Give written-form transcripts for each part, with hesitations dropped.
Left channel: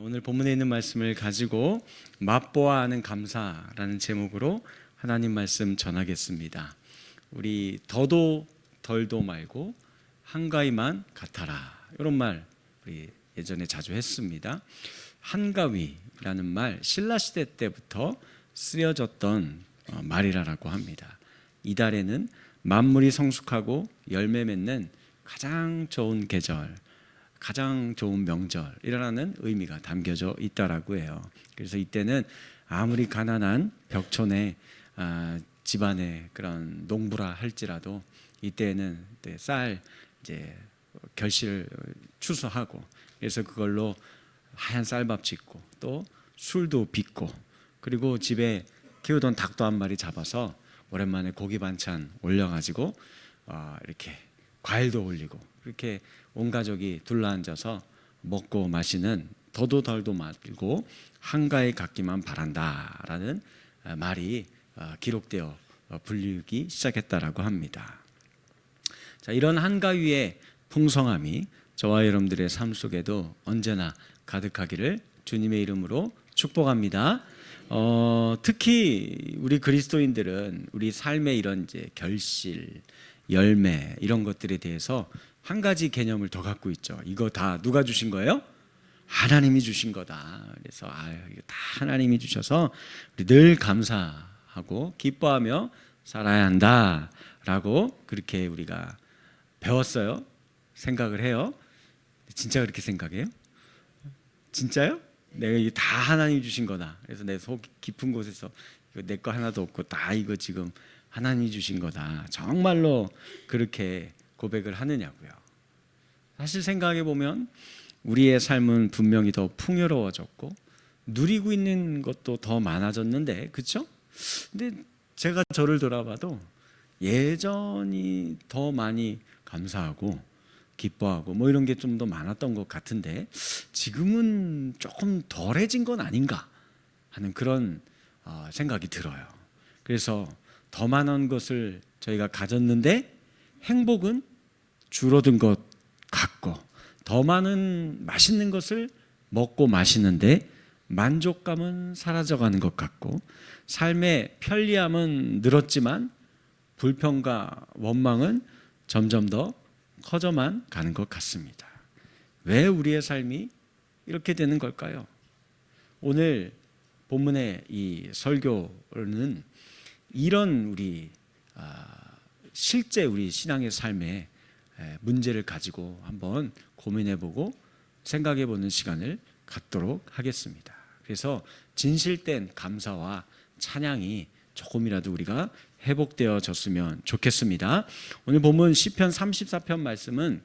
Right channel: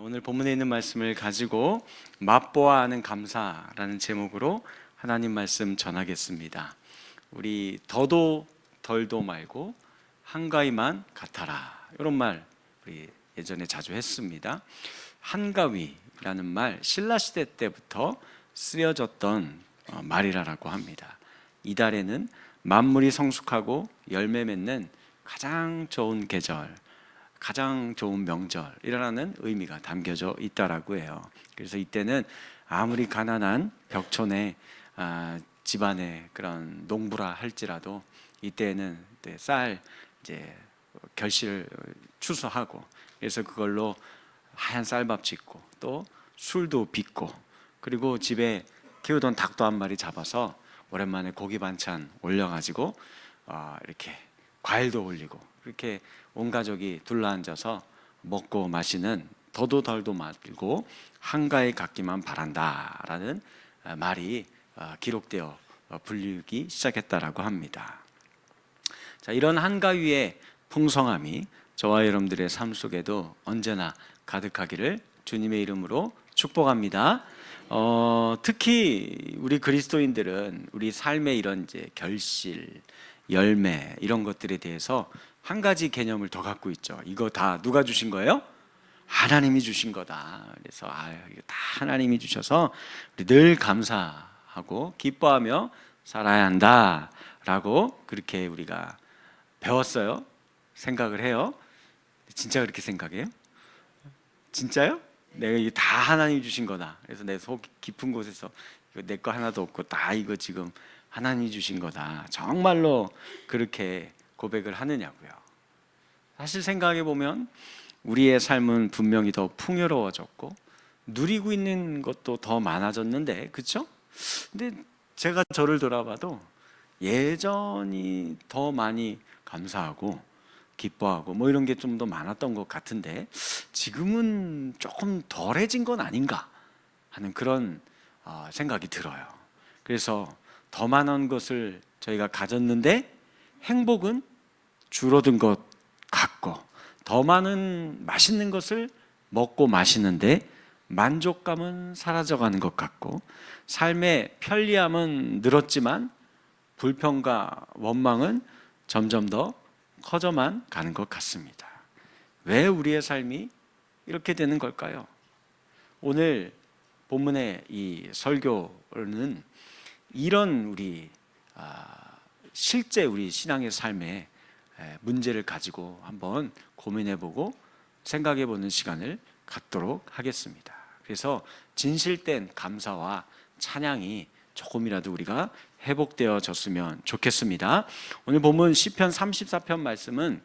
오늘 본문에 있는 말씀을 가지고 맛보아하는 감사라는 제목으로 하나님 말씀 전하겠습니다. 우리 더도 덜도 말고 한가위만 같아라, 이런 말 우리 예전에 자주 했습니다. 한가위라는 말, 신라 시대 때부터 쓰여졌던 말이라고 합니다. 이달에는 만물이 성숙하고 열매 맺는 가장 좋은 계절, 가장 좋은 명절이라는 의미가 담겨져 있다라고 해요. 그래서 이때는 아무리 가난한 벽촌의 집안의 그런 농부라 할지라도 이때는 쌀 이제 결실을 추수하고, 그래서 그걸로 하얀 쌀밥 짓고 또 술도 빚고, 그리고 집에 키우던 닭도 한 마리 잡아서 오랜만에 고기 반찬 올려가지고 이렇게 과일도 올리고, 그렇게 온 가족이 둘러앉아서 먹고 마시는 더도 덜도 말고 한가위 갖기만 바란다라는 말이 기록되어 불리기 시작했다라고 합니다. 자, 이런 한가위의 풍성함이 저와 여러분들의 삶 속에도 언제나 가득하기를 주님의 이름으로 축복합니다. 특히 우리 그리스도인들은 우리 삶의 이런 이제 결실, 열매, 이런 것들에 대해서 한 가지 개념을 더 갖고 있죠. 이거 다 누가 주신 거예요? 하나님이 주신 거다. 그래서 이거 다 하나님이 주셔서 우리 늘 감사하고 기뻐하며 살아야 한다라고 그렇게 우리가 배웠어요. 생각을 해요. 진짜 그렇게 생각해요? 진짜요? 내가 이게 다 하나님이 주신 거다. 그래서 내 속 깊은 곳에서 이거 내 거 하나도 없고 다 이거 지금 하나님이 주신 거다, 정말로 그렇게 고백을 하느냐고요. 사실 생각해 보면 우리의 삶은 분명히 더 풍요로워졌고 누리고 있는 것도 더 많아졌는데, 그렇죠? 근데 제가 저를 돌아봐도 예전이 더 많이 감사하고 기뻐하고 뭐 이런 게 좀 더 많았던 것 같은데, 지금은 조금 덜해진 건 아닌가 하는 그런 생각이 들어요. 그래서 더 많은 것을 저희가 가졌는데 행복은 줄어든 것 같고, 더 많은 맛있는 것을 먹고 마시는데 만족감은 사라져가는 것 같고, 삶의 편리함은 늘었지만 불평과 원망은 점점 더 커져만 가는 것 같습니다. 왜 우리의 삶이 이렇게 되는 걸까요? 오늘 본문의 이 설교는 이런 우리 실제 우리 신앙의 삶에 문제를 가지고 한번 고민해보고 생각해보는 시간을 갖도록 하겠습니다. 그래서 진실된 감사와 찬양이 조금이라도 우리가 회복되어졌으면 좋겠습니다. 오늘 본문 시편 34편 말씀은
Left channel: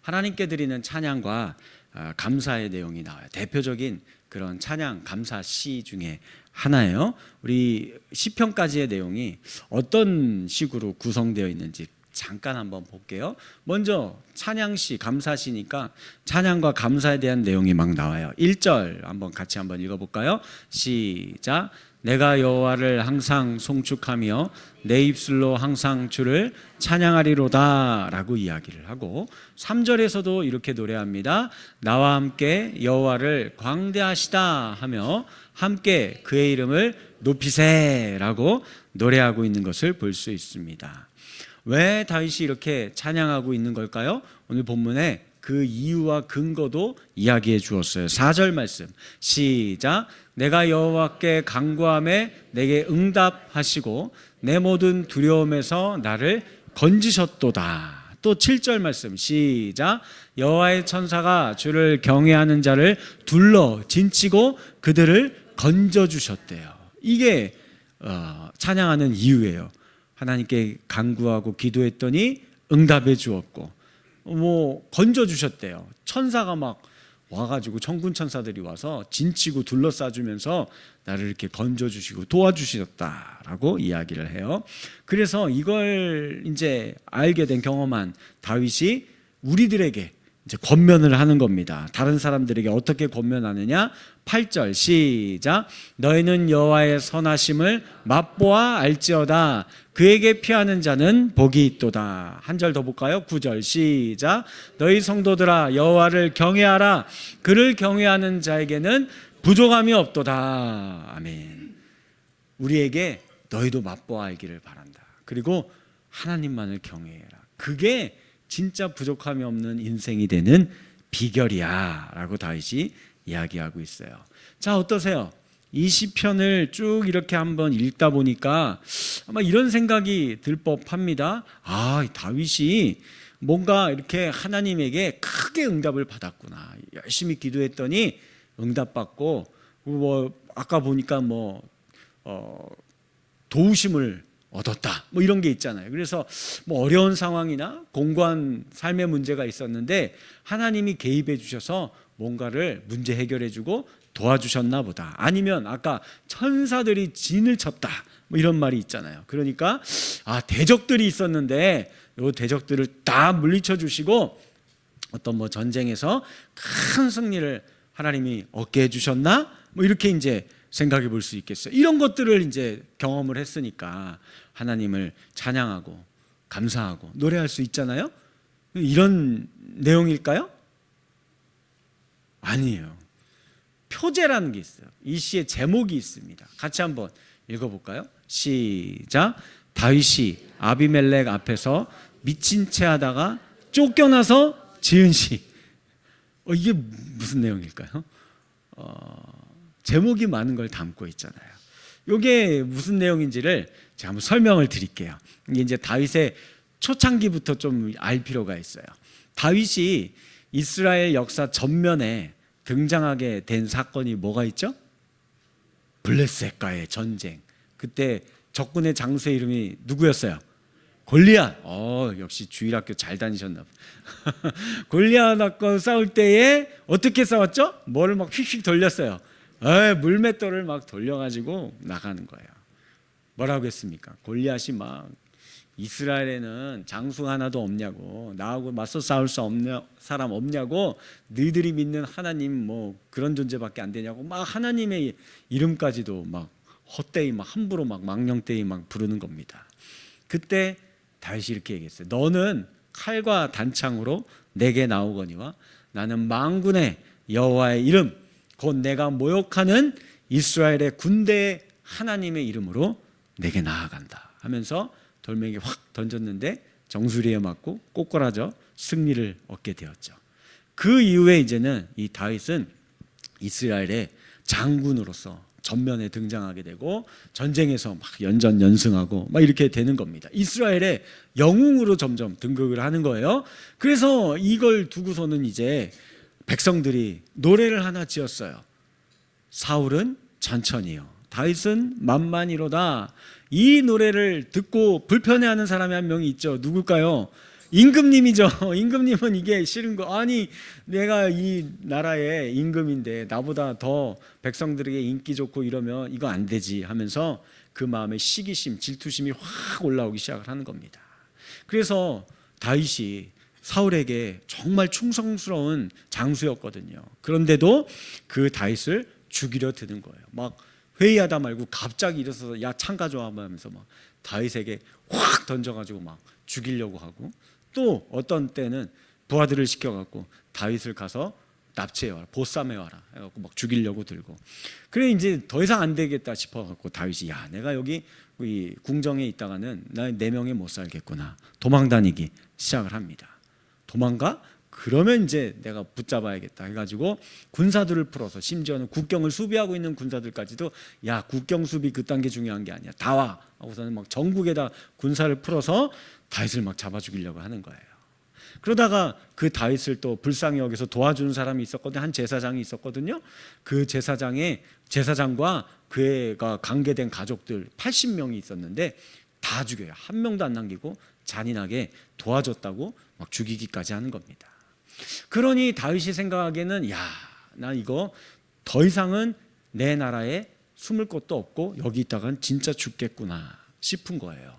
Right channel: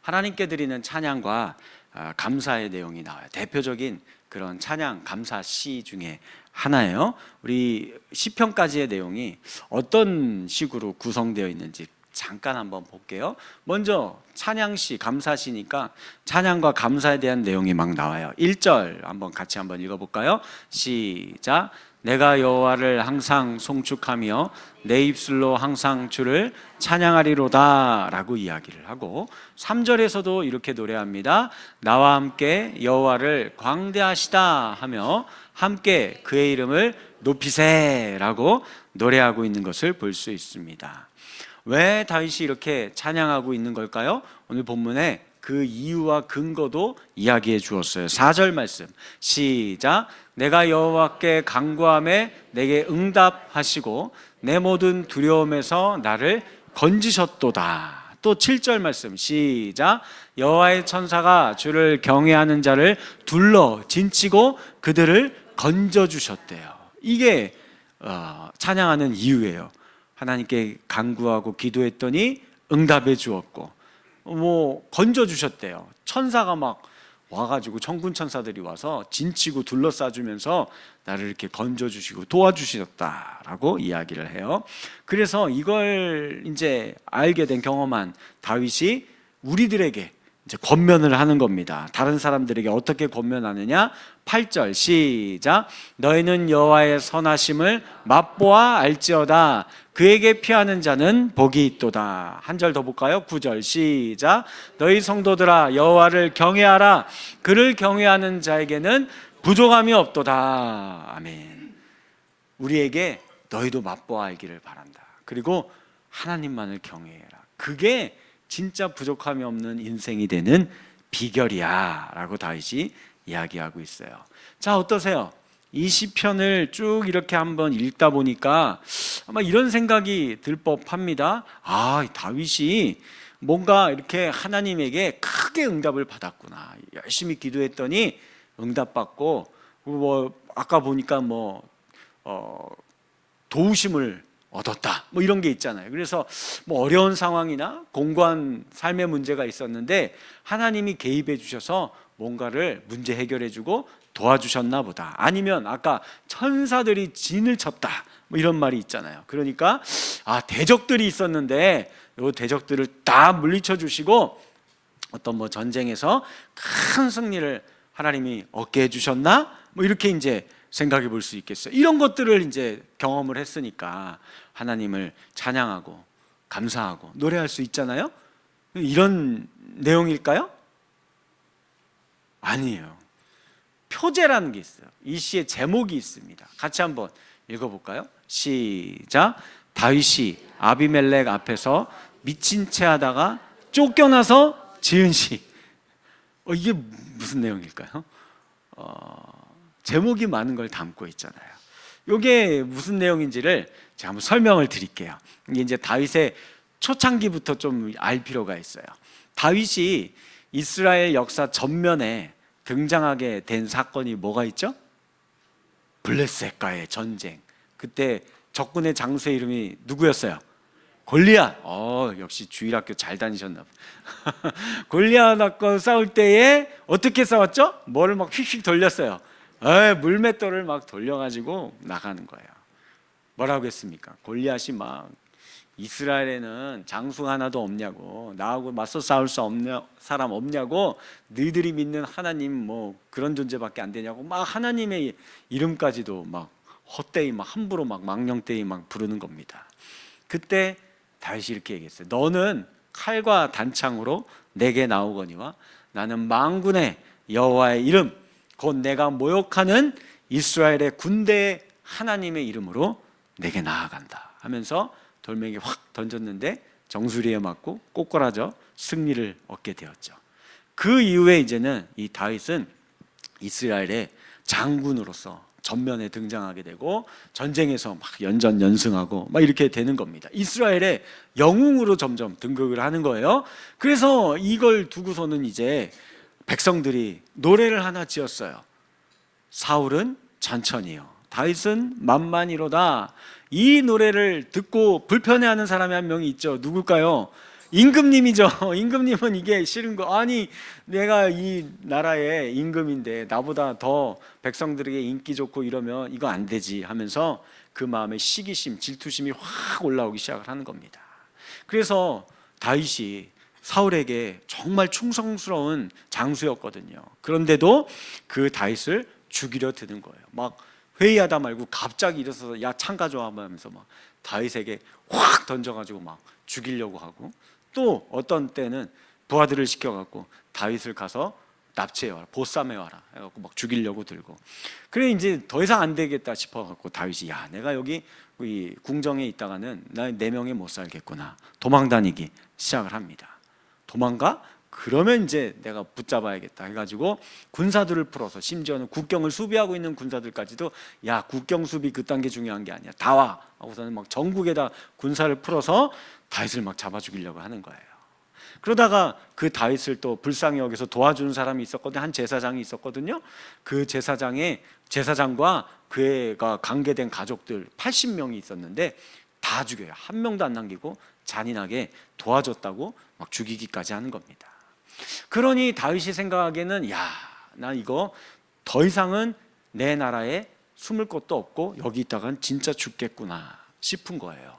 하나님께 드리는 찬양과 감사의 내용이 나와요. 대표적인 그런 찬양 감사 시 중에 하나예요. 우리 시편까지의 내용이 어떤 식으로 구성되어 있는지 잠깐 한번 볼게요. 먼저 찬양시, 감사시니까 찬양과 감사에 대한 내용이 막 나와요. 1절 한번 같이 한번 읽어볼까요? 시작. 내가 여호와를 항상 송축하며 내 입술로 항상 주를 찬양하리로다 라고 이야기를 하고, 3절에서도 이렇게 노래합니다. 나와 함께 여호와를 광대하시다 하며 함께 그의 이름을 높이세 라고 노래하고 있는 것을 볼 수 있습니다. 왜 다윗이 이렇게 찬양하고 있는 걸까요? 오늘 본문에 그 이유와 근거도 이야기해 주었어요. 4절 말씀 시작. 내가 여호와께 간구하매 내게 응답하시고 내 모든 두려움에서 나를 건지셨도다. 또 7절 말씀 시작. 여호와의 천사가 주를 경외하는 자를 둘러 진치고 그들을 건져주셨대요. 이게 찬양하는 이유예요. 하나님께 간구하고 기도했더니 응답해 주었고 건져주셨대요. 천사가 막 와가지고 천군 천사들이 와서 진치고 둘러싸주면서 나를 이렇게 건져주시고 도와주셨다라고 이야기를 해요. 그래서 이걸 이제 알게 된 경험한 다윗이 우리들에게 이제 권면을 하는 겁니다. 다른 사람들에게 어떻게 권면하느냐? 8절 시작. 너희는 여호와의 선하심을 맛보아 알지어다. 그에게 피하는 자는 복이 있도다. 한 절 더 볼까요? 9절 시작. 너희 성도들아 여호와를 경외하라. 그를 경외하는 자에게는 부족함이 없도다. 아멘. 우리에게 너희도 맛보아 알기를 바란다. 그리고 하나님만을 경외해라. 그게 진짜 부족함이 없는 인생이 되는 비결이야 라고 다윗이 이야기하고 있어요. 자, 어떠세요? 이 시편을 쭉 이렇게 한번 읽다 보니까 아마 이런 생각이 들 법합니다. 다윗이 뭔가 이렇게 하나님에게 크게 응답을 받았구나. 열심히 기도했더니 응답받고, 아까 보니까 도우심을 얻었다, 이런 게 있잖아요. 그래서 어려운 상황이나 공고한 삶의 문제가 있었는데 하나님이 개입해 주셔서 뭔가를 문제 해결해 주고 도와주셨나 보다. 아니면 아까 천사들이 진을 쳤다, 이런 말이 있잖아요. 그러니까 대적들이 있었는데 이 대적들을 다 물리쳐 주시고 어떤 전쟁에서 큰 승리를 하나님이 얻게 해주셨나, 이렇게 이제 생각해 볼 수 있겠어요. 이런 것들을 이제 경험을 했으니까 하나님을 찬양하고 감사하고 노래할 수 있잖아요. 이런 내용일까요? 아니에요. 표제라는 게 있어요. 이 시의 제목이 있습니다. 같이 한번 읽어볼까요? 시작. 다윗이 아비멜렉 앞에서 미친 채 하다가 쫓겨나서 지은 시. 이게 무슨 내용일까요? 제목이 많은 걸 담고 있잖아요. 이게 무슨 내용인지를 제가 한번 설명을 드릴게요. 이게 이제 다윗의 초창기부터 좀 알 필요가 있어요. 다윗이 이스라엘 역사 전면에 등장하게 된 사건이 뭐가 있죠? 블레셋과의 전쟁. 그때 적군의 장수의 이름이 누구였어요? 골리앗. 역시 주일학교 잘 다니셨나 봐. 골리앗과 싸울 때에 어떻게 싸웠죠? 뭐를 막 휙휙 돌렸어요. 물맷돌을 막 돌려가지고 나가는 거예요. 뭐라고 했습니까? 골리앗이 막 이스라엘에는 장수 하나도 없냐고, 나하고 맞서 싸울 수 없냐, 사람 없냐고, 너희들이 믿는 하나님 그런 존재밖에 안 되냐고 막 하나님의 이름까지도 막 헛되이 막 함부로 막 망령되이 막 부르는 겁니다. 그때 다윗이 이렇게 얘기했어요. 너는 칼과 단창으로 내게 나오거니와 나는 만군의 여호와의 이름 곧 내가 모욕하는 이스라엘의 군대의 하나님의 이름으로 내게 나아간다 하면서 돌멩이 확 던졌는데 정수리에 맞고 꼬꾸라져 승리를 얻게 되었죠. 그 이후에 이제는 이 다윗은 이스라엘의 장군으로서 전면에 등장하게 되고 전쟁에서 막 연전연승하고 막 이렇게 되는 겁니다. 이스라엘의 영웅으로 점점 등극을 하는 거예요. 그래서 이걸 두고서는 이제 백성들이 노래를 하나 지었어요. 사울은 천천히요, 다윗은 만만히로다. 이 노래를 듣고 불편해하는 사람이 한 명이 있죠. 누굴까요? 임금님이죠. 임금님은 이게 싫은 거, 아니 내가 이 나라의 임금인데 나보다 더 백성들에게 인기 좋고 이러면 이거 안 되지 하면서 그 마음에 시기심, 질투심이 확 올라오기 시작을 하는 겁니다. 그래서 다윗이 사울에게 정말 충성스러운 장수였거든요. 그런데도 그 다윗을 죽이려 드는 거예요. 막 회의하다 말고 갑자기 일어서서 야 창 가져와 하면서 막 다윗에게 확 던져가지고 막 죽이려고 하고, 또 어떤 때는 부하들을 시켜갖고 다윗을 가서 납치해와라, 보쌈해와라 해갖고 막 죽이려고 들고, 그래 이제 더 이상 안 되겠다 싶어갖고 다윗이 야 내가 여기 이 궁정에 있다가는 나 4명에 못 살겠구나, 도망다니기 시작을 합니다. 도망가? 그러면 이제 내가 붙잡아야겠다 해가지고 군사들을 풀어서, 심지어는 국경을 수비하고 있는 군사들까지도 야 국경 수비 그딴 게 중요한 게 아니야, 다 와 하고서는 막 전국에다 군사를 풀어서 다윗을 막 잡아 죽이려고 하는 거예요. 그러다가 그 다윗을 또 불쌍히 여기서 도와주는 사람이 있었거든요. 한 제사장이 있었거든요. 그 제사장과 그가 관계된 가족들 80명이 있었는데 다 죽여요. 한 명도 안 남기고 잔인하게 도와줬다고 막 죽이기까지 하는 겁니다. 그러니 다윗이 생각하기에는 야, 나 이거 더 이상은 내 나라에 숨을 곳도 없고 여기 있다간 진짜 죽겠구나 싶은 거예요.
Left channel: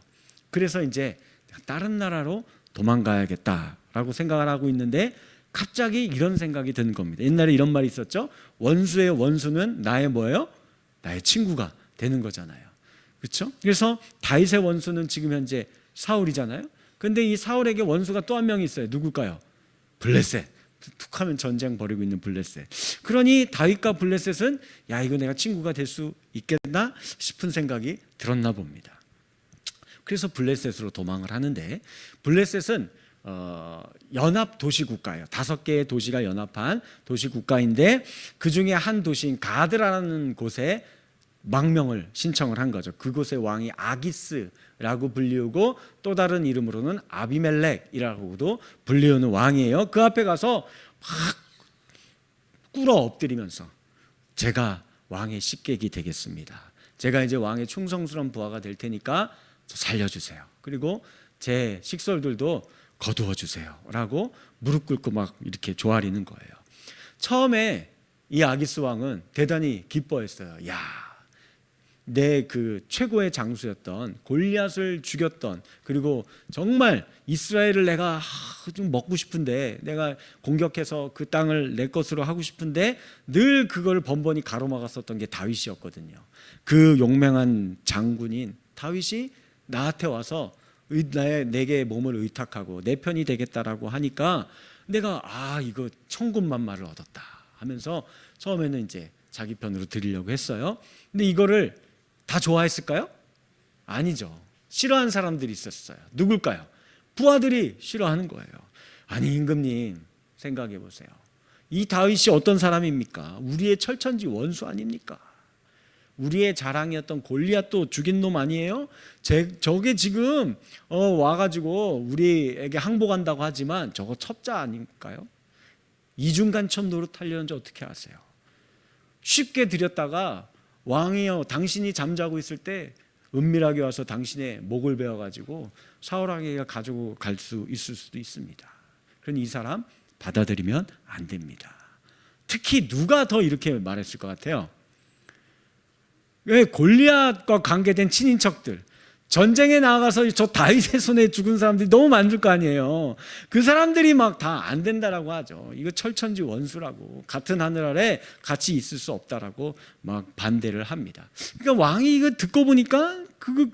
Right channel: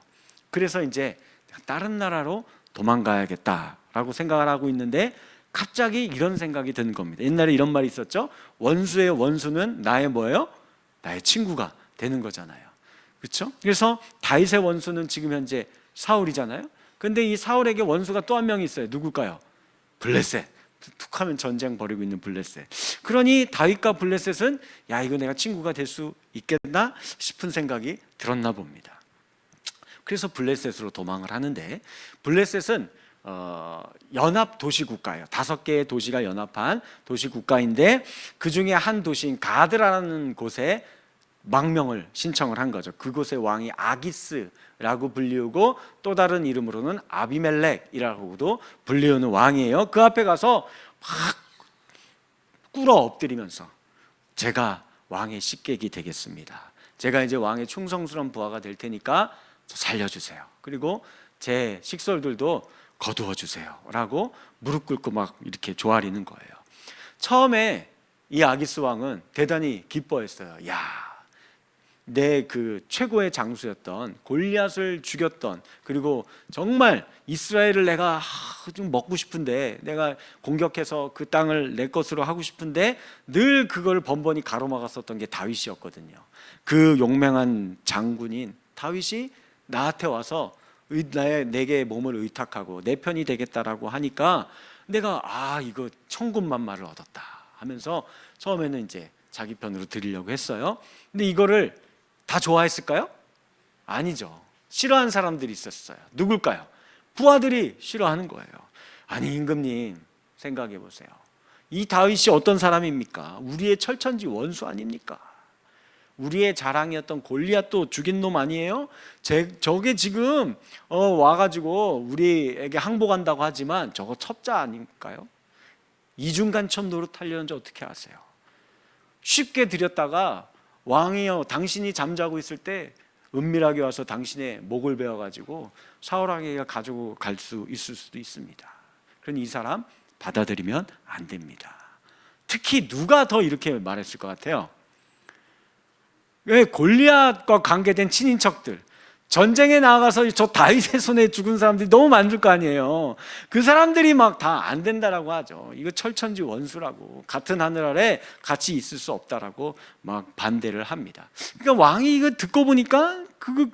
그래서 이제 다른 나라로 도망가야겠다라고 생각을 하고 있는데 갑자기 이런 생각이 드는 겁니다. 옛날에 이런 말이 있었죠. 원수의 원수는 나의 뭐예요? 나의 친구가 되는 거잖아요. 그렇죠? 그래서 다윗의 원수는 지금 현재 사울이잖아요. 근데 이 사울에게 원수가 또 한 명이 있어요. 누굴까요? 블레셋. 툭하면 전쟁 벌이고 있는 블레셋. 그러니 다윗과 블레셋은 야, 이거 내가 친구가 될 수 있겠나 싶은 생각이 들었나 봅니다. 그래서 블레셋으로 도망을 하는데, 블레셋은 연합 도시 국가예요. 5개의 도시가 연합한 도시 국가인데, 그 중에 한 도시인 가드라는 곳에 망명을 신청을 한 거죠. 그곳의 왕이 아기스라고 불리우고, 또 다른 이름으로는 아비멜렉이라고도 불리우는 왕이에요. 그 앞에 가서 막 꿇어 엎드리면서 제가 왕의 식객이 되겠습니다. 제가 이제 왕의 충성스러운 부하가 될 테니까 살려주세요. 그리고 제 식솔들도 거두어 주세요 라고 무릎 꿇고 막 이렇게 조아리는 거예요. 처음에 이 아기스 왕은 대단히 기뻐했어요. 야, 내 그 최고의 장수였던 골리앗을 죽였던, 그리고 정말 이스라엘을 내가 좀 먹고 싶은데, 내가 공격해서 그 땅을 내 것으로 하고 싶은데 늘 그걸 번번이 가로막았었던 게 다윗이었거든요. 그 용맹한 장군인 다윗이 나한테 와서 내게 몸을 의탁하고 내 편이 되겠다라고 하니까 내가 이거 천군만마를 얻었다 하면서 처음에는 이제 자기 편으로 드리려고 했어요. 근데 이거를 다 좋아했을까요? 아니죠. 싫어하는 사람들이 있었어요. 누굴까요? 부하들이 싫어하는 거예요. 아니, 임금님 생각해 보세요. 이 다윗이 어떤 사람입니까? 우리의 철천지 원수 아닙니까? 우리의 자랑이었던 골리앗도 죽인 놈 아니에요? 저게 지금 와가지고 우리에게 항복한다고 하지만 저거 첩자 아닐까요? 이중간첩 노릇하려는지 어떻게 아세요? 쉽게 들였다가 왕이여, 당신이 잠자고 있을 때 은밀하게 와서 당신의 목을 베어가지고 사울왕에게 가지고 갈 수 있을 수도 있습니다. 그러니 이 사람 받아들이면 안 됩니다. 특히 누가 더 이렇게 말했을 것 같아요? 왜? 골리앗과 관계된 친인척들, 전쟁에 나가서 저 다윗의 손에 죽은 사람들이 너무 많을 거 아니에요. 그 사람들이 막 다 안 된다라고 하죠. 이거 철천지 원수라고, 같은 하늘 아래 같이 있을 수 없다라고 막 반대를 합니다. 그러니까 왕이 이거 듣고 보니까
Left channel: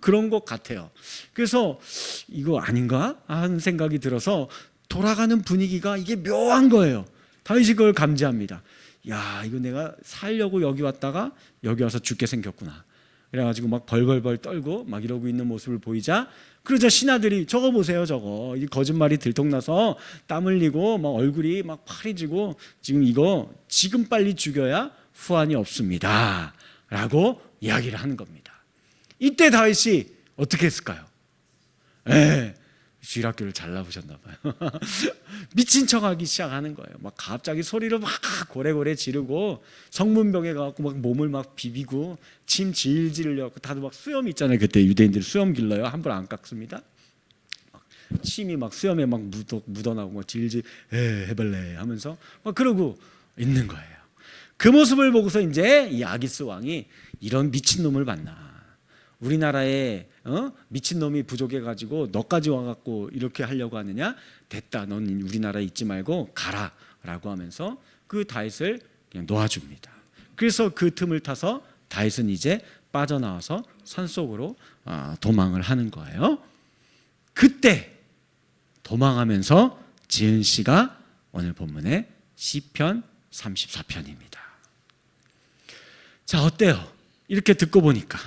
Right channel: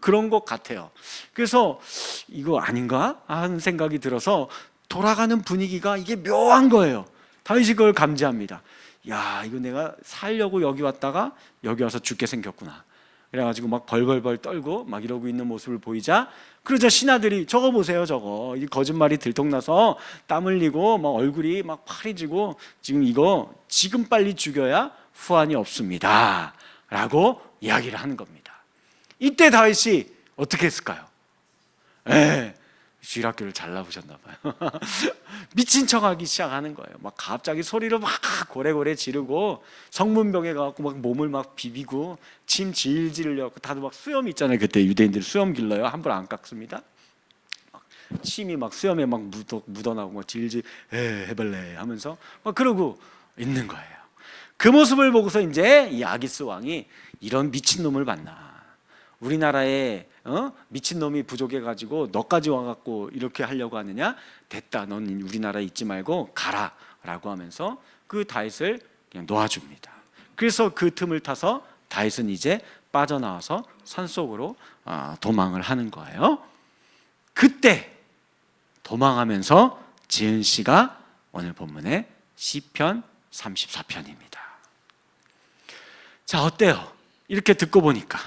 그런 것 같아요. 그래서 이거 아닌가 하는 생각이 들어서 돌아가는 분위기가 이게 묘한 거예요. 다윗이 그걸 감지합니다. 야, 이거 내가 살려고 여기 왔다가 여기 와서 죽게 생겼구나. 그래가지고 막 벌벌벌 떨고 막 이러고 있는 모습을 보이자, 그러자 신하들이 저거 보세요, 저거 이 거짓말이 들통나서 땀 흘리고 막 얼굴이 막 파래지고 이거 지금 빨리 죽여야 후환이 없습니다 라고 이야기를 하는 겁니다. 이때 다윗이 어떻게 했을까요? 쥐락교를 잘 나보셨나 봐요. 미친 척하기 시작하는 거예요. 막 갑자기 소리를 막 고래고래 지르고 성문벽에 가서 막 몸을 막 비비고 침 질질 흘려고, 다들 막 수염 있잖아요. 그때 유대인들이 수염 길러요. 함부로 안 깎습니다. 막 침이 막 수염에 막 묻어나고 막 질질 해볼래 하면서 막 그러고 있는 거예요. 그 모습을 보고서 이제 이 아기스 왕이 이런 미친 놈을 봤나, 우리나라에 미친놈이 부족해가지고 너까지 와갖고 이렇게 하려고 하느냐, 됐다, 넌 우리나라에 있지 말고 가라 라고 하면서 그 다윗을 그냥 놓아줍니다. 그래서 그 틈을 타서 다윗은 이제 빠져나와서 산속으로 도망을 하는 거예요. 그때 도망하면서 지은 시가 오늘 본문의 시편 34편입니다 자, 어때요? 이렇게 듣고 보니까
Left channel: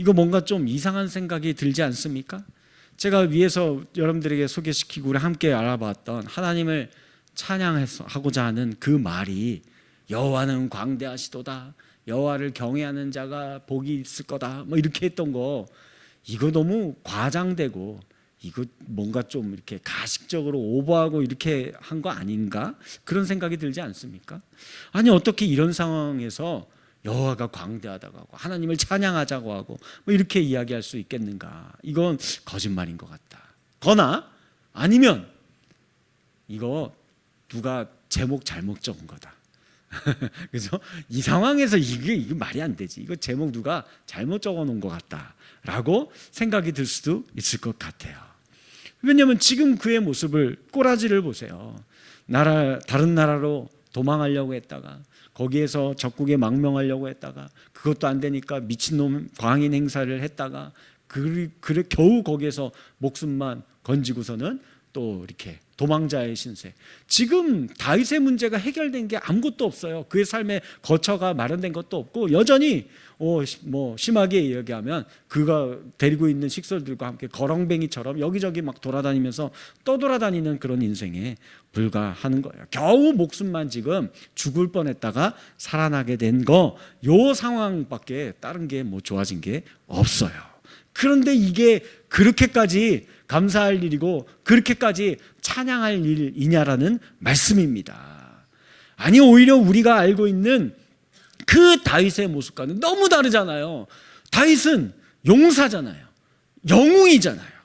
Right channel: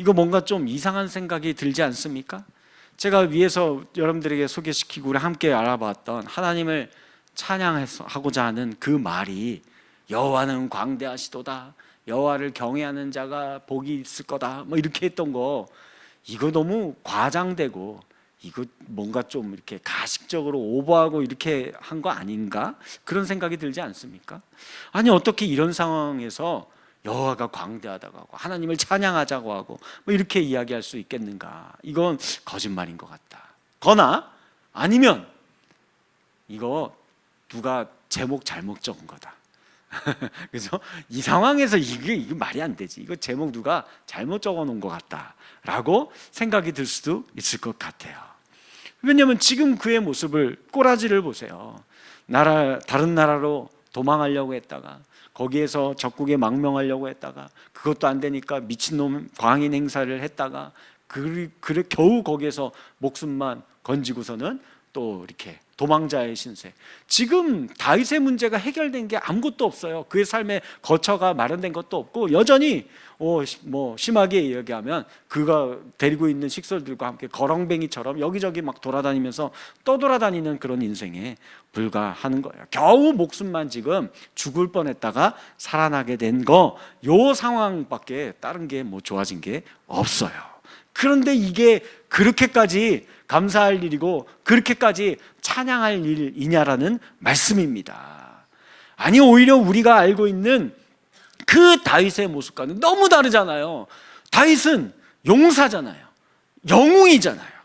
이거 뭔가 좀 이상한 생각이 들지 않습니까? 제가 위에서 여러분들에게 소개시키고 우리 함께 알아봤던 하나님을 찬양하고자 하는 그 말이 여호와는 광대하시도다, 여호와를 경외하는 자가 복이 있을 거다, 뭐 이렇게 했던 거, 이거 너무 과장되고 이거 뭔가 좀 이렇게 가식적으로 오버하고 이렇게 한 거 아닌가? 그런 생각이 들지 않습니까? 아니, 어떻게 이런 상황에서 여호와가 광대하다고 하고 하나님을 찬양하자고 하고 뭐 이렇게 이야기할 수 있겠는가? 이건 거짓말인 것 같다. 거나 아니면 이거 누가 제목 잘못 적은 거다. 그래서 이 상황에서 이게 말이 안 되지, 이거 제목 누가 잘못 적어 놓은 것 같다라고 생각이 들 수도 있을 것 같아요. 왜냐하면 지금 그의 모습을, 꼬라지를 보세요. 다른 나라로 도망하려고 했다가 거기에서 적국에 망명하려고 했다가 그것도 안 되니까 미친놈 광인 행사를 했다가 그래 겨우 거기에서 목숨만 건지고서는 또 이렇게 도망자의 신세. 지금 다윗의 문제가 해결된 게 아무것도 없어요. 그의 삶의 거처가 마련된 것도 없고 여전히 뭐 심하게 얘기하면 그가 데리고 있는 식솔들과 함께 거렁뱅이처럼 여기저기 막 돌아다니면서 떠돌아다니는 그런 인생에 불과하는 거예요. 겨우 목숨만 지금 죽을 뻔했다가 살아나게 된 거, 요 상황밖에 다른 게 뭐 좋아진 게 없어요. 그런데 이게 그렇게까지 감사할 일이고 그렇게까지 찬양할 일이냐라는 말씀입니다. 아니, 오히려 우리가 알고 있는 그 다윗의 모습과는 너무 다르잖아요. 다윗은 용사잖아요. 영웅이잖아요.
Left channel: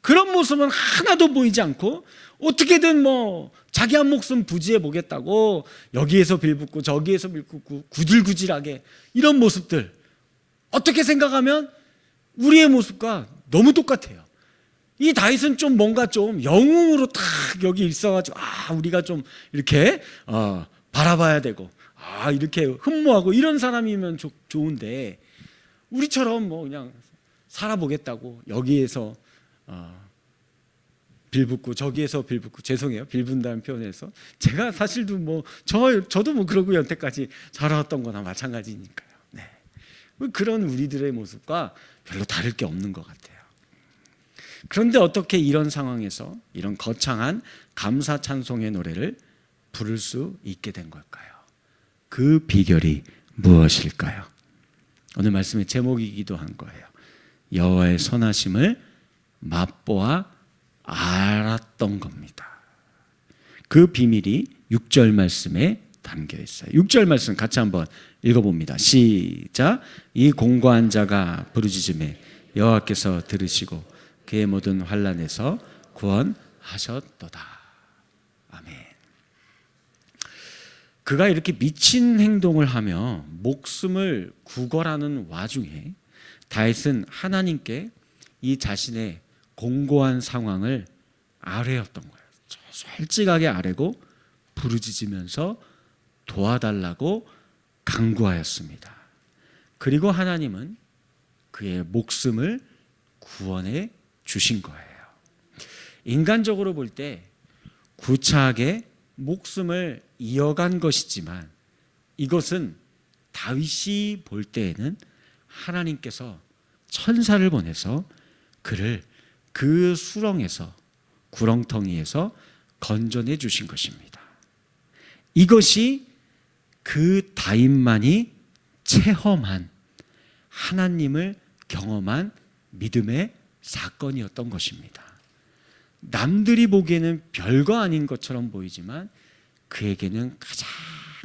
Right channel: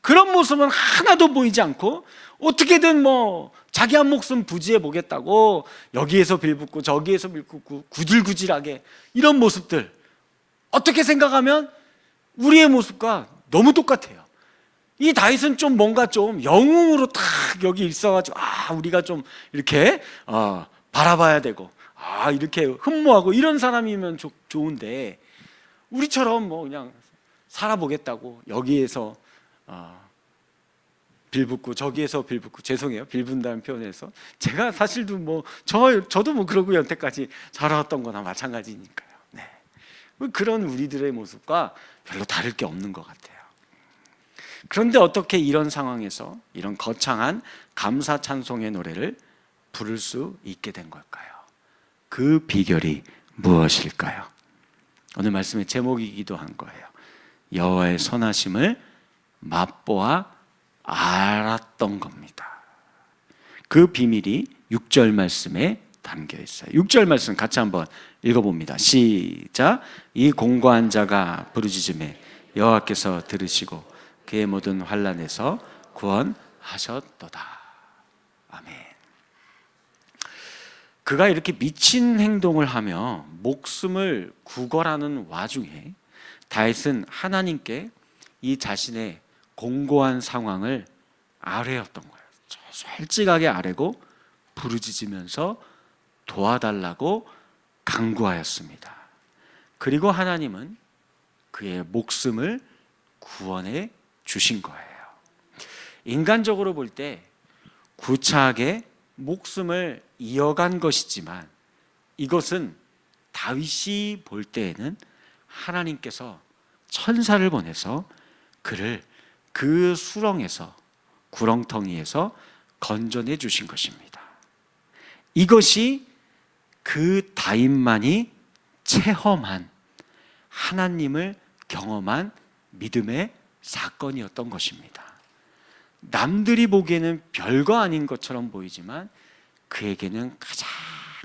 그런 모습은 하나도 보이지 않고 어떻게든 뭐 자기 한 목숨 부지해 보겠다고 여기에서 빌붙고 저기에서 빌붙고 구질구질하게 이런 모습들, 어떻게 생각하면 우리의 모습과 너무 똑같아요. 이 다윗은 좀 뭔가 좀 영웅으로 딱 여기 있어가지고 우리가 좀 이렇게 바라봐야 되고 이렇게 흠모하고 이런 사람이면 좋은데 우리처럼 뭐 그냥 살아보겠다고 여기에서 빌붙고 저기에서 빌붙고, 죄송해요 빌분다는 표현에서 제가 사실도 뭐 저도 뭐 그러고 여태까지 살아왔던 거나 마찬가지니까요. 네. 그런 우리들의 모습과 별로 다를 게 없는 것 같아요. 그런데 어떻게 이런 상황에서 이런 거창한 감사 찬송의 노래를 부를 수 있게 된 걸까요? 그 비결이 무엇일까요? 오늘 말씀의 제목이기도 한 거예요. 여호와의 선하심을 맛보아 알았던 겁니다. 그 비밀이 6절 말씀에 담겨 있어요. 6절 말씀 같이 한번 읽어봅니다. 시작. 이 공고한 자가 부르짖음에 여호와께서 들으시고 그의 모든 환난에서 구원하셨도다. 아멘. 그가 이렇게 미친 행동을 하며 목숨을 구걸하는 와중에 다윗은 하나님께 이 자신의 공고한 상황을 아뢰었던 거예요. 솔직하게 아뢰고 부르짖으면서 도와달라고 간구하였습니다. 그리고 하나님은 그의 목숨을 구원해 주신 거예요. 인간적으로 볼 때 구차하게 목숨을 이어간 것이지만 이것은 다윗이 볼 때에는 하나님께서 천사를 보내서 그를 그 수렁에서, 구렁텅이에서 건져내 주신 것입니다. 이것이 그 다윗만이 체험한, 하나님을 경험한 믿음의 사건이었던 것입니다. 남들이 보기에는 별거 아닌 것처럼 보이지만 그에게는 가장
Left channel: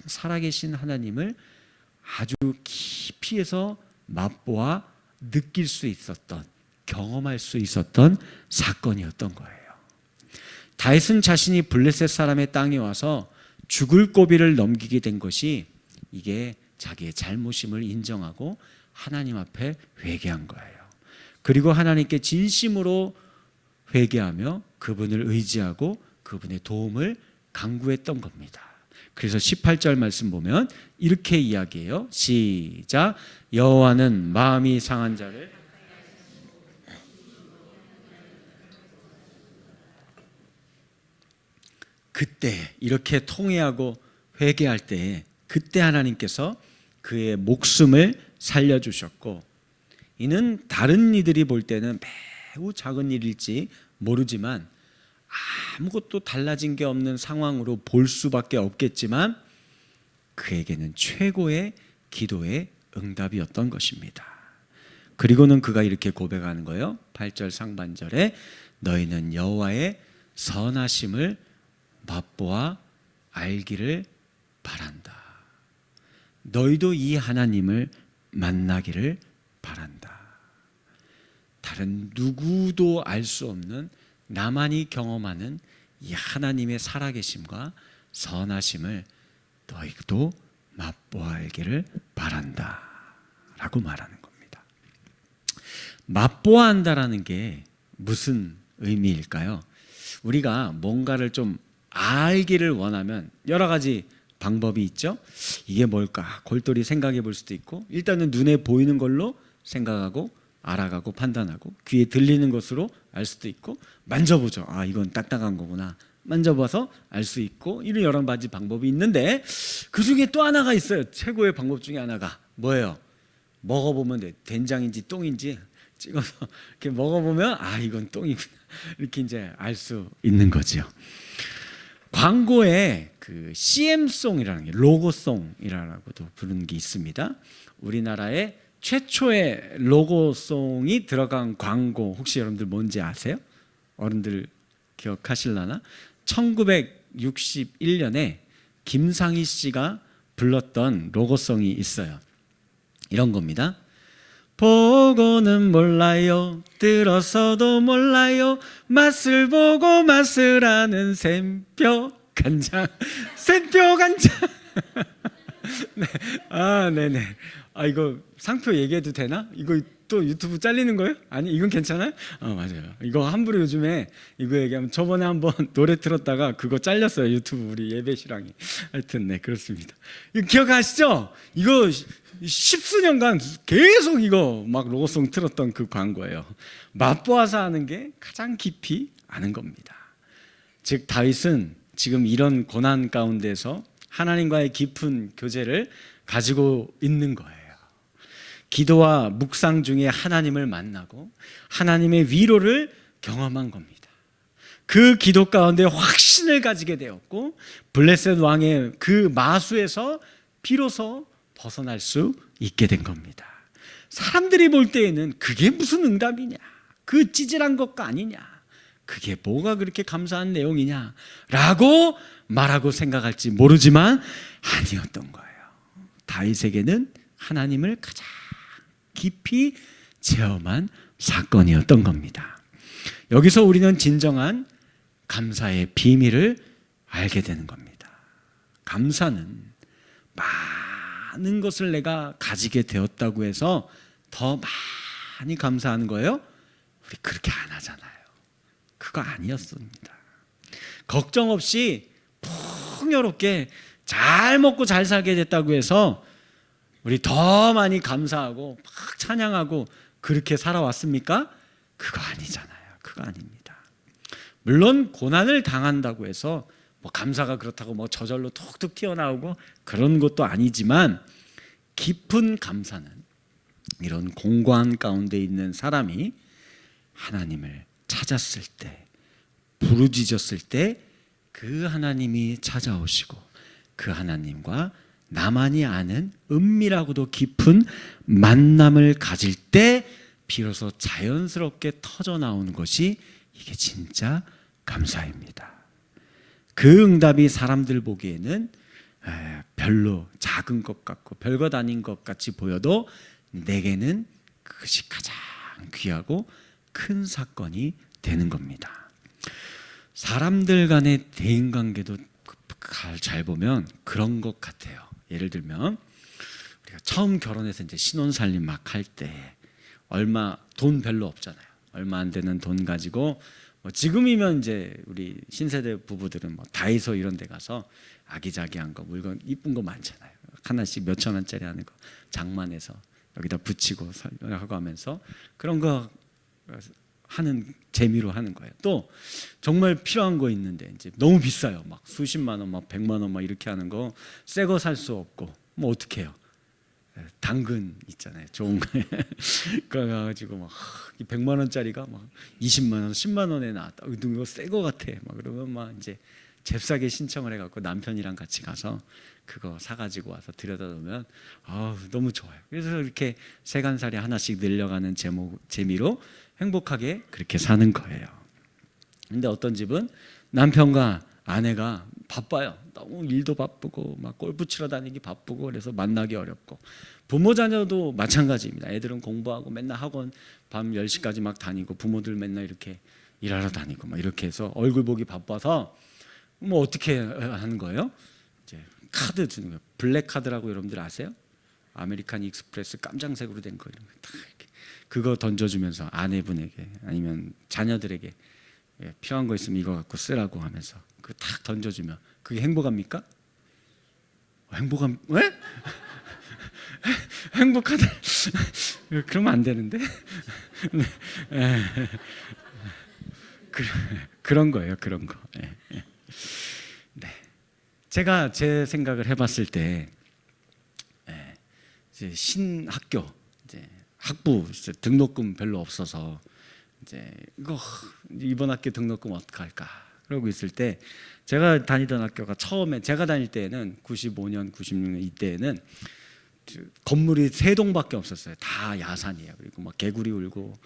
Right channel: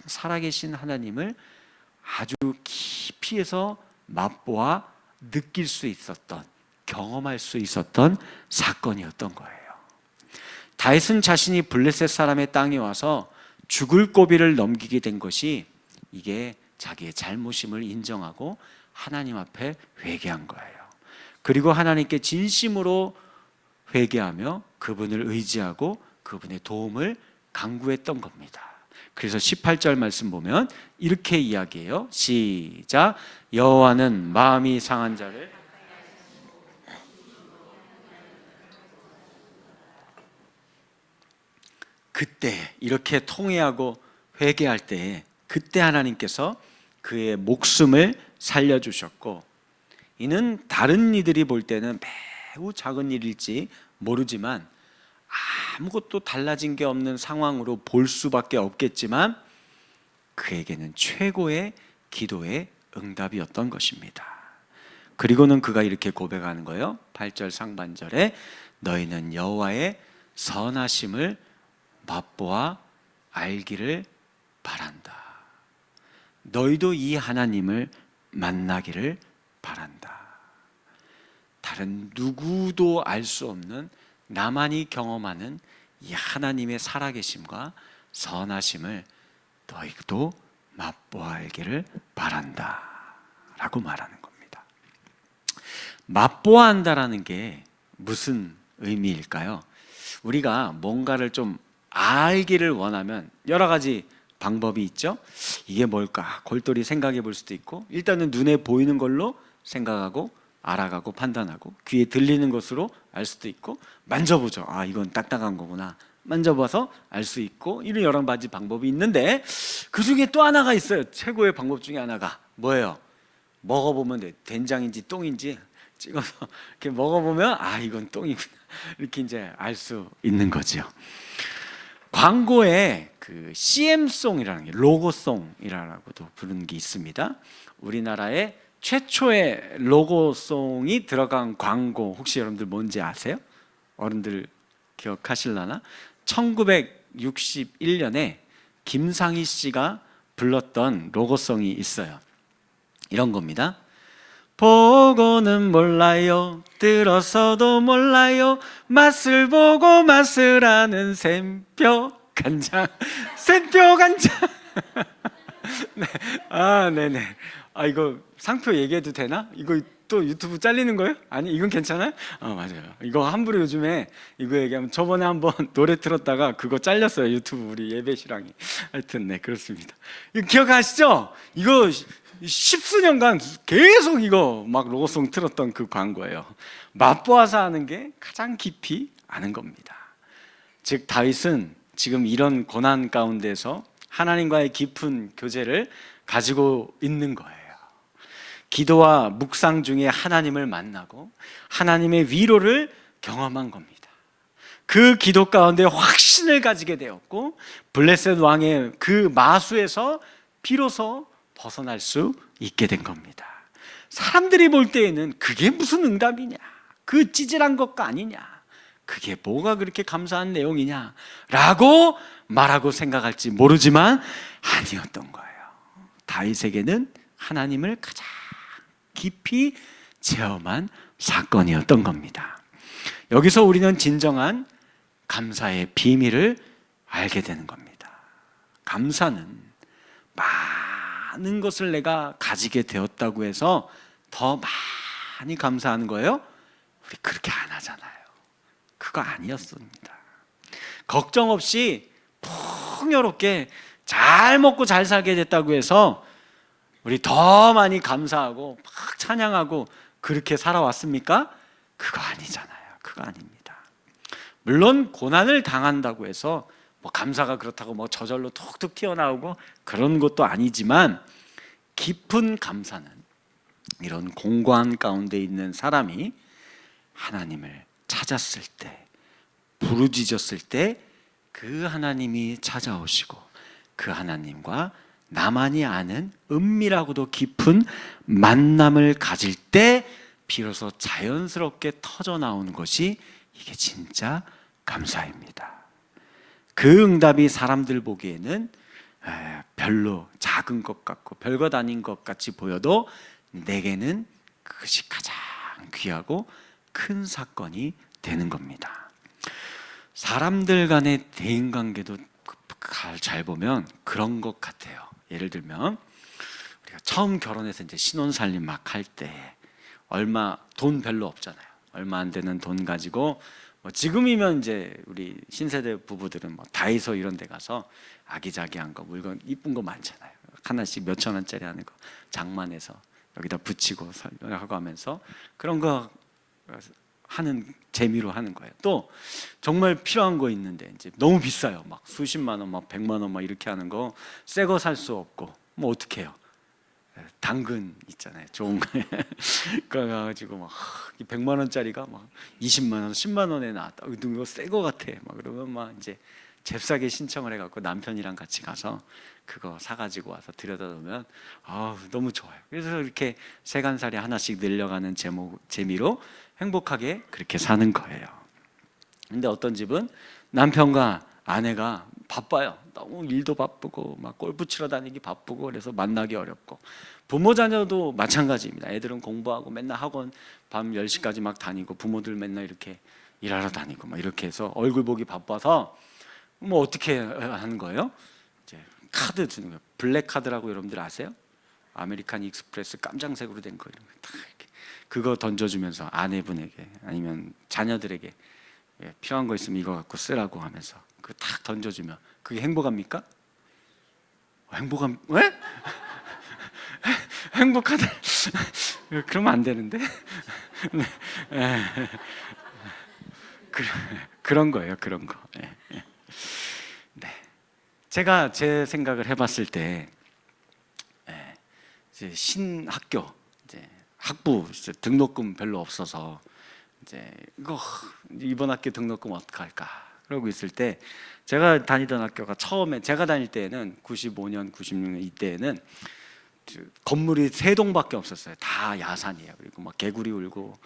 살아계신 하나님을 아주 깊이에서 맛보아 느낄 수 있었던, 경험할 수 있었던 사건이었던 거예요. 다윗은 자신이 블레셋 사람의 땅에 와서 죽을 고비를 넘기게 된 것이 이게 자기의 잘못임을 인정하고 하나님 앞에 회개한 거예요. 그리고 하나님께 진심으로 회개하며 그분을 의지하고 그분의 도움을 간구했던 겁니다. 그래서 18절 말씀 보면 이렇게 이야기해요. 시작. 여호와는 마음이 상한 자를 그때 이렇게 통회하고 회개할 때 그때 하나님께서 그의 목숨을 살려주셨고, 이는 다른 이들이 볼 때는 매우 작은 일일지 모르지만 아무것도 달라진 게 없는 상황으로 볼 수밖에 없겠지만 그에게는 최고의 기도의 응답이었던 것입니다. 그리고는 그가 이렇게 고백하는 거예요. 8절 상반절에 너희는 여호와의 선하심을 맛보아 알기를 바란다. 너희도 이 하나님을 만나기를 바란다. 다른 누구도 알 수 없는, 나만이 경험하는 이 하나님의 살아계심과 선하심을 너희도 맛보아 알기를 바란다 라고 말하는 겁니다. 맛보아 한다라는 게 무슨 의미일까요? 우리가 뭔가를 좀 알기를 원하면 여러 가지 방법이 있죠. 이게 뭘까? 골똘히 생각해 볼 수도 있고, 일단은 눈에 보이는 걸로 생각하고 알아가고 판단하고, 귀에 들리는 것으로 알 수도 있고, 만져보죠. 아, 이건 딱딱한 거구나. 만져봐서 알 수 있고, 이런 여러 가지 방법이 있는데, 그 중에 또 하나가 있어요. 최고의 방법 중에 하나가 뭐예요? 먹어보면 돼. 된장인지 똥인지 찍어서 이렇게 먹어보면 아, 이건 똥이구나, 이렇게 이제 알 수 있는 거죠. 광고에 그 CM송이라는 게, 로고송이라고도 부르는 게 있습니다. 우리나라의 최초의 로고송이 들어간 광고, 혹시 여러분들 뭔지 아세요? 어른들 기억하실라나? 1961년에 김상희 씨가 불렀던 로고송이 있어요. 이런 겁니다. 보고는 몰라요, 들어서도 몰라요, 맛을 보고 맛을 아는 샘표 간장, 샘표 간장. 네. 아, 네네. 아, 이거 상표 얘기해도 되나? 이거 또 유튜브 잘리는 거예요? 아니, 이건 괜찮아요? 맞아요. 이거 함부로 요즘에 이거 얘기하면, 저번에 한번 노래 틀었다가 그거 잘렸어요, 유튜브 우리 예배 신랑이. 하여튼 네, 그렇습니다. 이거 기억하시죠? 이거 십수년간 계속 이거 막 로고송 틀었던 그 광고예요. 맛보아서 아는 게 가장 깊이 아는 겁니다. 즉, 다윗은 지금 이런 고난 가운데서 하나님과의 깊은 교제를 가지고 있는 거예요. 기도와 묵상 중에 하나님을 만나고 하나님의 위로를 경험한 겁니다. 그 기도 가운데 확신을 가지게 되었고, 블레셋 왕의 그 마수에서 비로소 벗어날 수 있게 된 겁니다. 사람들이 볼 때에는 그게 무슨 응답이냐, 그 찌질한 것가 아니냐, 그게 뭐가 그렇게 감사한 내용이냐 라고 말하고 생각할지 모르지만 아니었던 거예요. 다윗에게는 하나님을 가장 깊이 체험한 사건이었던 겁니다. 여기서 우리는 진정한 감사의 비밀을 알게 되는 겁니다. 감사는 많은 것을 내가 가지게 되었다고 해서 더 많이 감사하는 거예요? 우리 그렇게 안 하잖아요. 그거 아니었습니다. 걱정 없이 풍요롭게 잘 먹고 잘 살게 됐다고 해서 우리 더 많이 감사하고 막 찬양하고 그렇게 살아왔습니까? 그거 아니잖아요. 그거 아닙니다. 물론 고난을 당한다고 해서 뭐 감사가 그렇다고 뭐 저절로 툭툭 튀어나오고 그런 것도 아니지만, 깊은 감사는 이런 공고한 가운데 있는 사람이 하나님을 찾았을 때, 부르짖었을 때 그 하나님이 찾아오시고 그 하나님과 나만이 아는 은밀하고도 깊은 만남을 가질 때 비로소 자연스럽게 터져 나오는 것이 이게 진짜 감사입니다. 그 응답이 사람들 보기에는 별로 작은 것 같고 별것 아닌 것 같이 보여도 내게는 그것이 가장 귀하고 큰 사건이 되는 겁니다. 사람들 간의 대인관계도 잘 보면 그런 것 같아요. 예를 들면 우리가 처음 결혼해서 이제 신혼살림 막 할 때 얼마 돈 별로 없잖아요. 얼마 안 되는 돈 가지고 뭐 지금이면 이제 우리 신세대 부부들은 뭐 다이소 이런 데 가서 아기자기한 거, 물건 이쁜 거 많잖아요. 하나씩 몇천 원짜리 하는 거 장만해서 여기다 붙이고 하고 하면서 그런 거 하는 재미로 하는 거예요. 또 정말 필요한 거 있는데 이제 너무 비싸요. 막 수십만 원, 막 100만 원 막 이렇게 하는 거 새 거 살 수 없고 뭐 어떻게 해요? 당근 있잖아요. 좋은 거. 그거 가지고 막 100만 원짜리가 막 20만 원, 10만 원에 나왔다. 이거 새 거 같아. 막 그러면 막 이제 잽싸게 신청을 해갖고 남편이랑 같이 가서 그거 사가지고 와서 들여다보면 너무 좋아요. 그래서 이렇게 세간살이 하나씩 늘려가는 재미로 행복하게 그렇게 사는 거예요. 근데 어떤 집은 남편과 아내가 바빠요. 너무 일도 바쁘고 막 골프 치러 다니기 바쁘고 그래서 만나기 어렵고, 부모 자녀도 마찬가지입니다. 애들은 공부하고 맨날 학원 밤 10시까지 막 다니고 부모들 맨날 이렇게 일하러 다니고 막 이렇게 해서 얼굴 보기 바빠서 뭐 어떻게 하는 거예요? 이제 카드 주는 거예요. 블랙 카드라고 여러분들 아세요? 아메리칸 익스프레스 깜장색으로 된 거, 이런 거 딱 이렇게 그거 던져주면서 아내분에게 아니면 자녀들에게 필요한 거 있으면 이거 갖고 쓰라고 하면서 그거 딱 던져주면 그게 행복합니까? 행복한 왜? 행복하다. 그러면 안 되는데. 네. 그런 거예요. 그런 거. 네. 제가 제 생각을 해봤을 때 이제 신학교 이제 학부 이제 등록금 별로 없어서 이제 이거 이번 학기 등록금 어떡할까 그러고 있을 때 제가 다니던 학교가 처음에 제가 다닐 때에는 95년, 96년 이때에는 건물이 3동밖에 없었어요. 다 야산이에요. 그리고 막 개구리 울고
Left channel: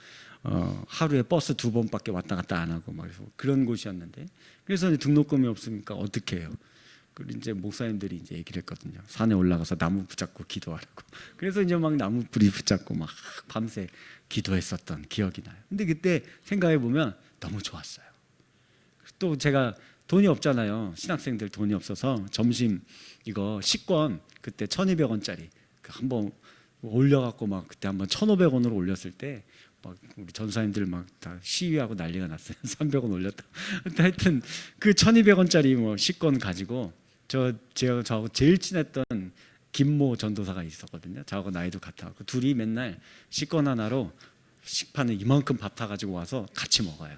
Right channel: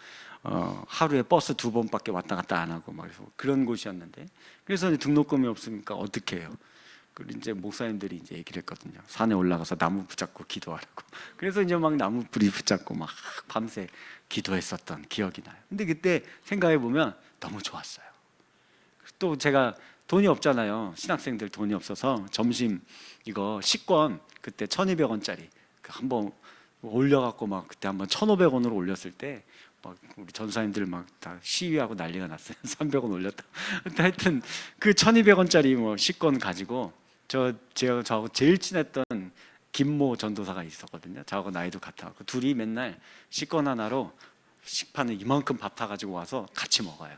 하루에 버스 2번밖에 왔다 갔다 안 하고 막 그런 곳이었는데 그래서 등록금이 없으니까 어떻게 해요? 그리고 이제 목사님들이 이제 얘기를 했거든요. 산에 올라가서 나무 붙잡고 기도하라고. 그래서 이제 막 나무 뿌리 붙잡고 막 밤새 기도했었던 기억이 나요. 근데 그때 생각해 보면 너무 좋았어요. 또 제가 돈이 없잖아요. 신학생들 돈이 없어서 점심 이거 식권 그때 1,200원짜리 한번 올려갖고 막 그때 한번 1,500원으로 올렸을 때 막 우리 전사님들 막 다 시위하고 난리가 났어요. 300원 올렸다. 하여튼 그 1,200원짜리 뭐 식권 가지고 제가 저하고 제일 친했던 김모 전도사가 있었거든요. 저하고 나이도 같아갖고 둘이 맨날 식권 하나로 식판에 이만큼 밥 타가지고 와서 같이 먹어요.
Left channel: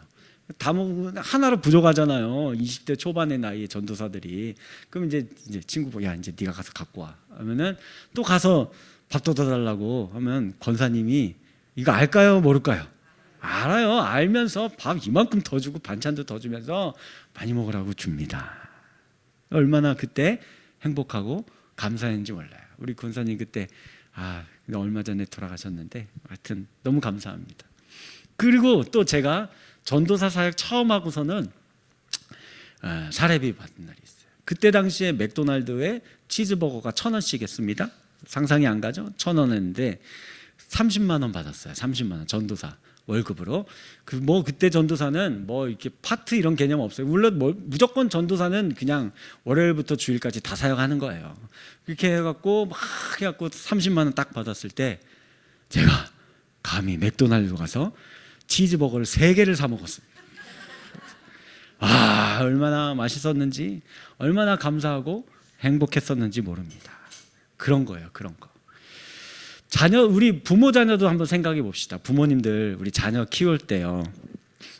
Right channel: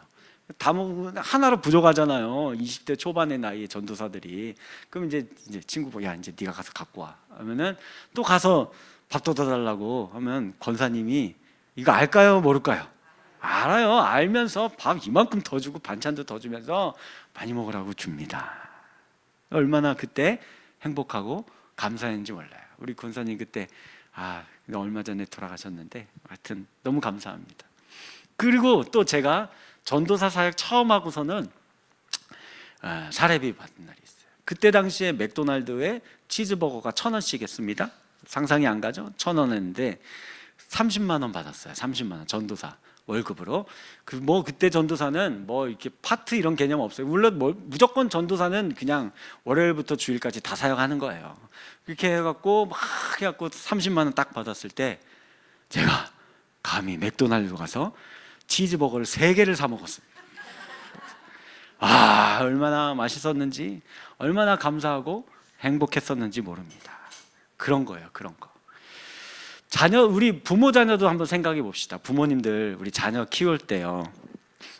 다 먹으면 하나로 부족하잖아요. 20대 초반의 나이의 전도사들이. 그럼 이제 친구 보고 야 이제 네가 가서 갖고 와 하면은 또 가서 밥 더 달라고 하면 권사님이 이거 알까요 모를까요? 알아요. 알면서 밥 이만큼 더 주고 반찬도 더 주면서 많이 먹으라고 줍니다. 얼마나 그때 행복하고 감사했는지 몰라요. 우리 권사님 그때 얼마 전에 돌아가셨는데 하여튼 너무 감사합니다. 그리고 또 제가 전도사 사역 처음 하고서는 사례비 받은 날이 있어요. 그때 당시에 맥도날드에 치즈버거가 1,000원씩 했습니다. 상상이 안 가죠? 1,000원 했는데 30만 원 받았어요. 30만 원 전도사 월급으로. 그때 전도사는 뭐 이렇게 파트 이런 개념 없어요. 물론 무조건 전도사는 그냥 월요일부터 주일까지 다 사역하는 거예요. 그렇게 해갖고 막 해갖고 30만 원 딱 받았을 때 제가 감히 맥도날드 가서 치즈버거를 3개를 사 먹었어요. 얼마나 맛있었는지, 얼마나 감사하고 행복했었는지 모릅니다. 그런 거예요, 그런 거. 우리 부모 자녀도 한번 생각해 봅시다. 부모님들 우리 자녀 키울 때요,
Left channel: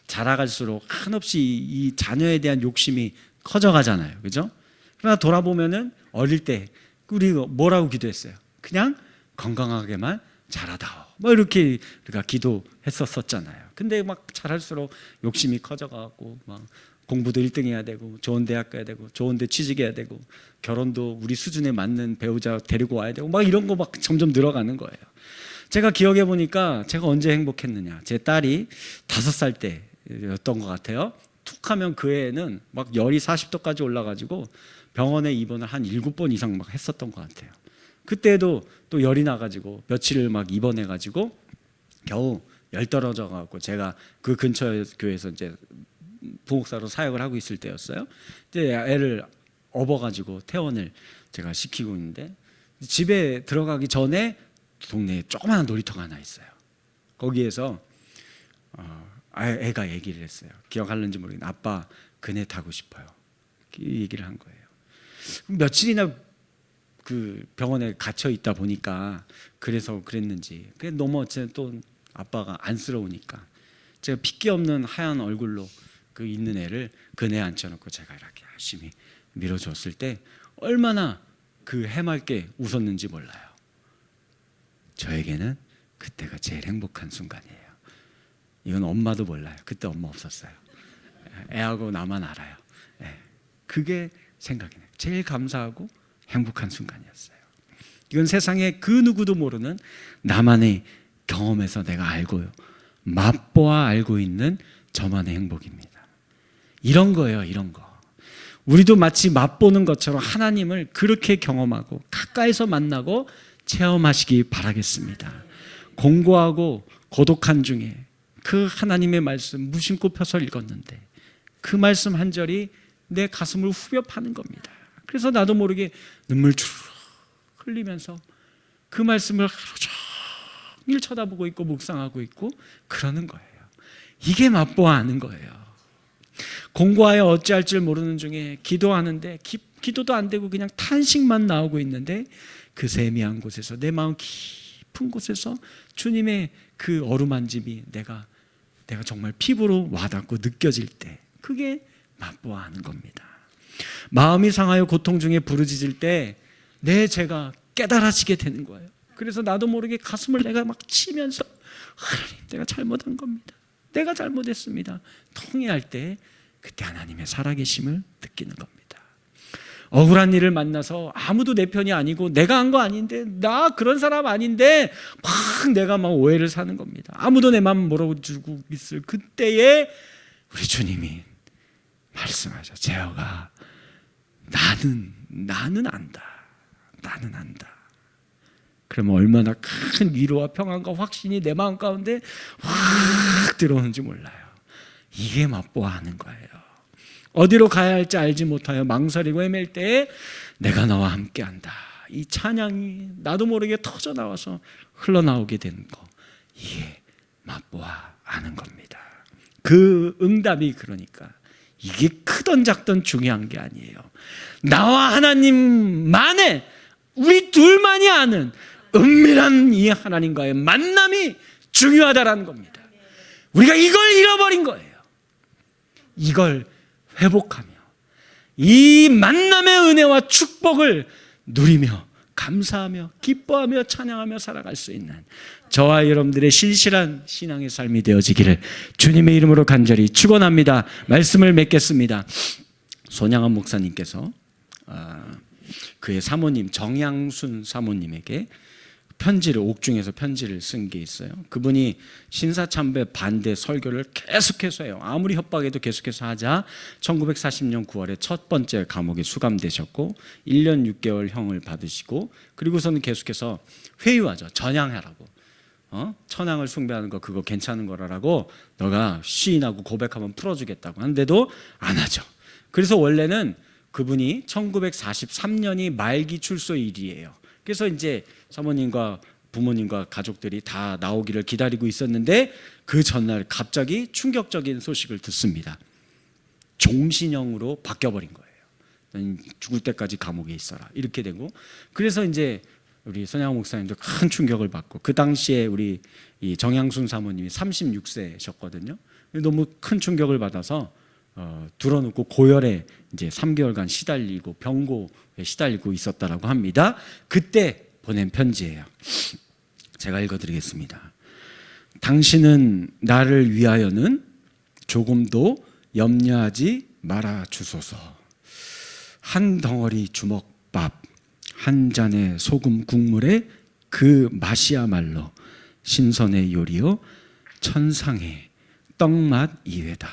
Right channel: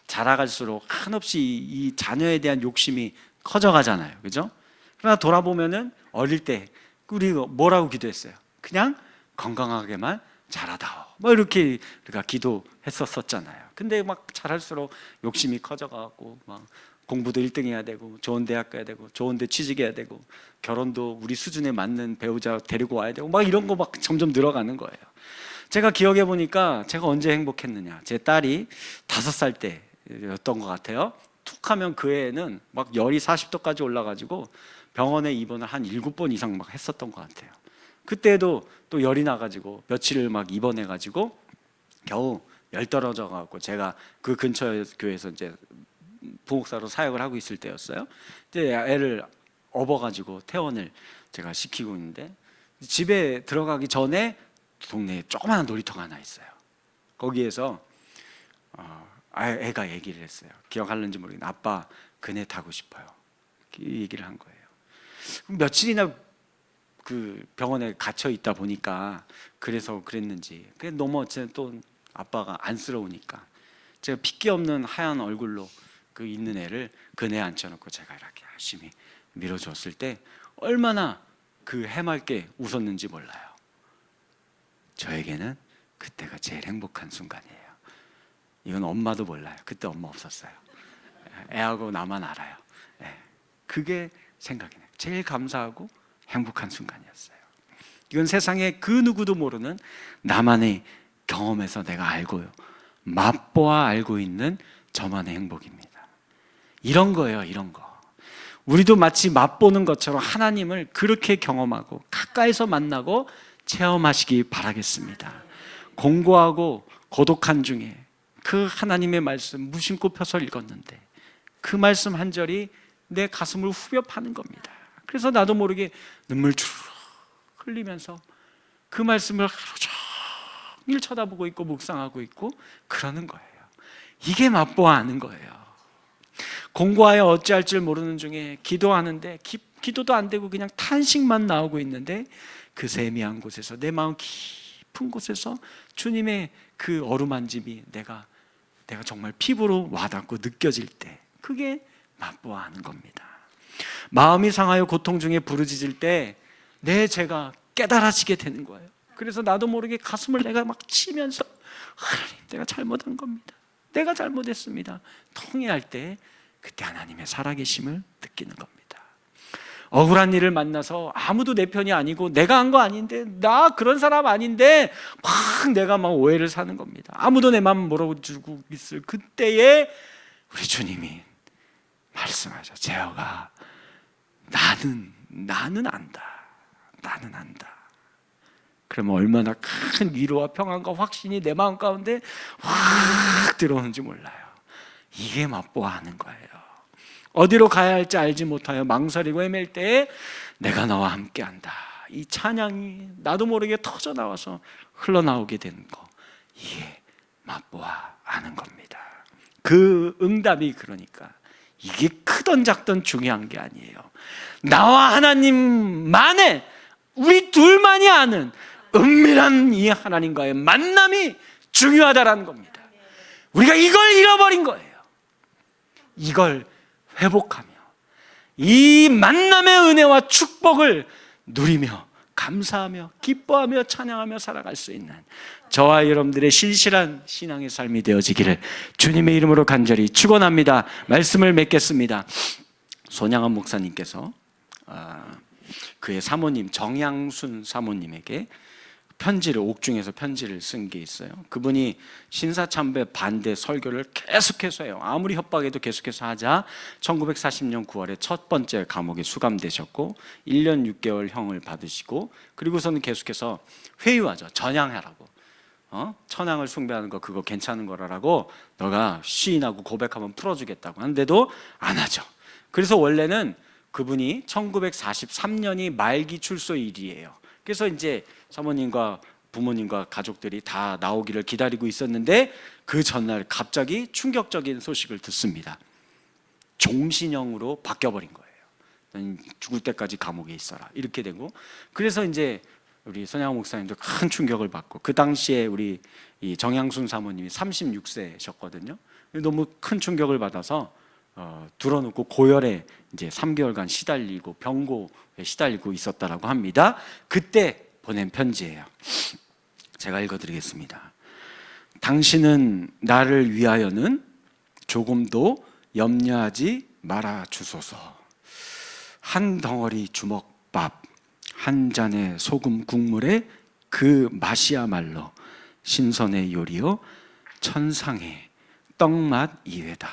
자라갈수록 한없이 이 자녀에 대한 욕심이 커져가잖아요, 그죠? 그러나 돌아보면은 어릴 때 우리 뭐라고 기도했어요? 그냥 건강하게만 자라다오. 뭐 이렇게 우리가 기도했었잖아요. 근데 막 자랄수록 욕심이 커져가고 막 공부도 1등 해야 되고 좋은 대학 가야 되고 좋은 데 취직해야 되고 결혼도 우리 수준에 맞는 배우자 데리고 와야 되고 막 이런 거 막 점점 늘어가는 거예요. 제가 기억해 보니까 제가 언제 행복했느냐, 제 딸이 5살 때였던 것 같아요. 툭 하면 그 애는 막 열이 40도까지 올라가지고 병원에 입원을 한 7번 이상 막 했었던 것 같아요. 그때도 또 열이 나가지고 며칠을 막 입원해가지고 겨우 열 떨어져가지고 제가 그 근처 교회에서 이제 부목사로 사역을 하고 있을 때였어요. 이제 애를 업어가지고 퇴원을 제가 시키고 있는데 집에 들어가기 전에 동네에 조그마한 놀이터가 하나 있어요. 거기에서 애가 얘기를 했어요. 기억하는지 모르겠는데 아빠 그네 타고 싶어요. 얘기를 한 거예요. 며칠이나 그 병원에 갇혀 있다 보니까 그래서 그랬는지 너무 어쨌든 또 아빠가 안쓰러우니까 제가 핏기 없는 하얀 얼굴로 그 있는 애를 그네 앉혀놓고 제가 이렇게 열심히 밀어줬을 때 얼마나 그 해맑게 웃었는지 몰라요. 저에게는 그때가 제일 행복한 순간이에요. 이건 엄마도 몰라요. 그때 엄마 없었어요. 애하고 나만 알아요. 그게 생각이 나요. 제일 감사하고 행복한 순간이었어요. 이건 세상에 그 누구도 모르는 나만의 경험에서 내가 알고요, 맛보아 알고 있는 저만의 행복입니다. 이런 거예요, 이런 거. 우리도 마치 맛보는 것처럼 하나님을 그렇게 경험하고 가까이서 만나고 체험하시기 바라겠습니다. 공고하고 고독한 중에 그 하나님의 말씀 무심코 펴서 읽었는데 그 말씀 한 절이 내 가슴을 후벼 파는 겁니다. 그래서 나도 모르게 눈물 주르륵 흘리면서 그 말씀을 하루 종일 쳐다보고 있고 묵상하고 있고 그러는 거예요. 이게 맛보아 아는 거예요. 공부하여 어찌할 줄 모르는 중에 기도하는데 기도도 안 되고 그냥 탄식만 나오고 있는데 그 세미한 곳에서, 내 마음 깊은 곳에서 주님의 그 어루만짐이 내가 정말 피부로 와닿고 느껴질 때, 그게 맛보아하는 겁니다. 마음이 상하여 고통 중에 부르짖을 때 내 죄가 깨달아지게 되는 거예요. 그래서 나도 모르게 가슴을 내가 막 치면서, 하나님, 내가 잘못한 겁니다, 내가 잘못했습니다, 통회할 때 그때 하나님의 살아계심을 느끼는 겁니다. 억울한 일을 만나서 아무도 내 편이 아니고 내가 한 거 아닌데, 나 그런 사람 아닌데 막 내가 막 오해를 사는 겁니다. 아무도 내 마음 몰아주고 있을 그때에 우리 주님이 말씀하죠. 재혁아, 나는 안다. 나는 안다. 그러면 얼마나 큰 위로와 평안과 확신이 내 마음 가운데 확 들어오는지 몰라요. 이게 맛보아하는 거예요. 어디로 가야 할지 알지 못하여 망설이고 헤맬 때에 내가 너와 함께한다, 이 찬양이 나도 모르게 터져 나와서 흘러나오게 되는 거, 이게 맛보아하는 겁니다. 그 응답이, 그러니까 이게 크던 작던 중요한 게 아니에요. 나와 하나님만의, 우리 둘만이 아는 은밀한 이 하나님과의 만남이 중요하다라는 겁니다. 우리가 이걸 잃어버린 거예요. 이걸 회복하며 이 만남의 은혜와 축복을 누리며 감사하며 기뻐하며 찬양하며 살아갈 수 있는 저와 여러분들의 신실한 신앙의 삶이 되어지기를 주님의 이름으로 간절히 축원합니다. 말씀을 맺겠습니다. 손양한 목사님께서 그의 사모님 정양순 사모님에게 편지를, 옥중에서 편지를 쓴 게 있어요. 그분이 신사참배 반대 설교를 계속해서 해요. 아무리 협박해도 계속해서 하자 1940년 9월에 첫 번째 감옥에 수감되셨고 1년 6개월 형을 받으시고, 그리고서는 계속해서 회유하죠. 전향하라고, 천황을 숭배하는 거 그거 괜찮은 거라고, 너가 시인하고 고백하면 풀어주겠다고 하는데도 안 하죠. 그래서 원래는 그분이 1943년이 말기 출소일이에요. 그래서 이제 사모님과 부모님과 가족들이 다 나오기를 기다리고 있었는데 그 전날 갑자기 충격적인 소식을 듣습니다. 종신형으로 바뀌어버린 거예요. 죽을 때까지 감옥에 있어라, 이렇게 되고. 그래서 이제 우리 손양호 목사님도 큰 충격을 받고, 그 당시에 우리 이 정양순 사모님이 36세셨거든요. 너무 큰 충격을 받아서 들어놓고 고열에 이제 3개월간 시달리고 병고에 시달리고 있었다라고 합니다. 그때 보낸 편지예요. 제가 읽어드리겠습니다. 당신은 나를 위하여는 조금도 염려하지 말아 주소서. 한 덩어리 주먹밥, 한 잔의 소금 국물에 그 맛이야말로 신선의 요리요 천상의 떡맛 이외다.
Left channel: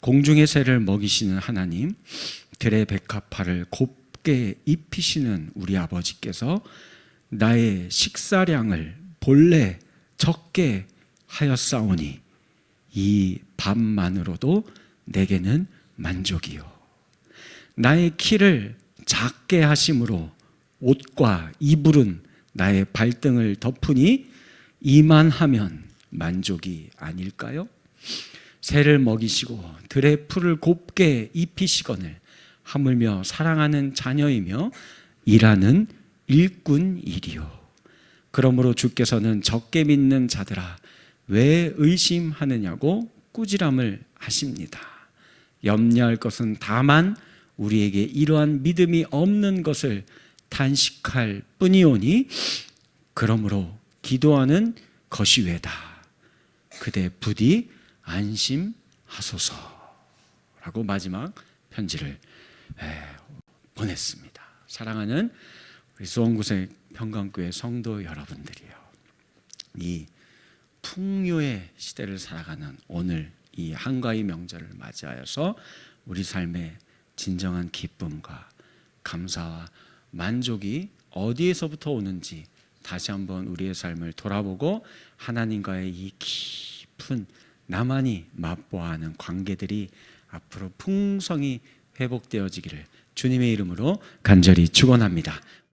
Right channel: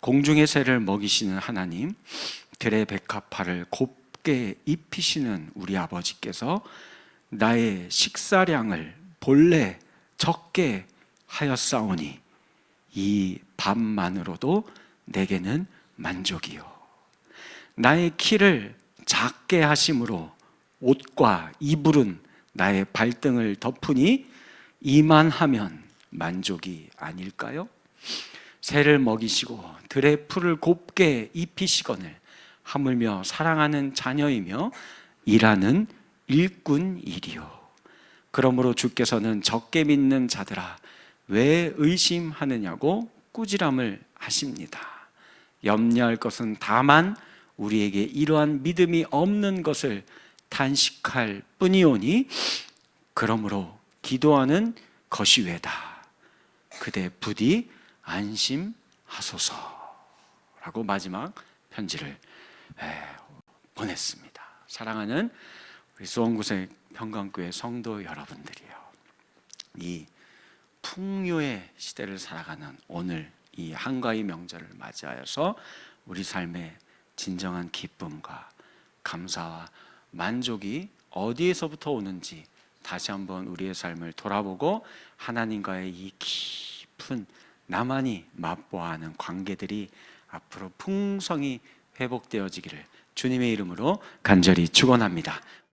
공중의 새를 먹이시는 하나님, 들의 백합화를 곱게 입히시는 우리 아버지께서 나의 식사량을 본래 적게 하였사오니 이 밥만으로도 내게는 만족이요. 나의 키를 작게 하심으로 옷과 이불은 나의 발등을 덮으니 이만하면 만족이 아닐까요? 새를 먹이시고 들의 풀을 곱게 입히시거늘 하물며 사랑하는 자녀이며 일하는 일꾼이리요. 그러므로 주께서는 적게 믿는 자들아 왜 의심하느냐고 꾸지람을 하십니다. 염려할 것은 다만 우리에게 이러한 믿음이 없는 것을 탄식할 뿐이오니 그러므로 기도하는 것이 외다. 그대 부디 안심하소서라고 마지막 편지를 보냈습니다. 사랑하는 우리 수원구세 평강교회 성도 여러분들이요, 이 풍요의 시대를 살아가는 오늘 이 한가위 명절을 맞이하여서 우리 삶의 진정한 기쁨과 감사와 만족이 어디에서부터 오는지 다시 한번 우리의 삶을 돌아보고 하나님과의 이 깊은 나만이 맛보아하는 관계들이 앞으로 풍성히 회복되어지기를 주님의 이름으로 간절히 축원합니다.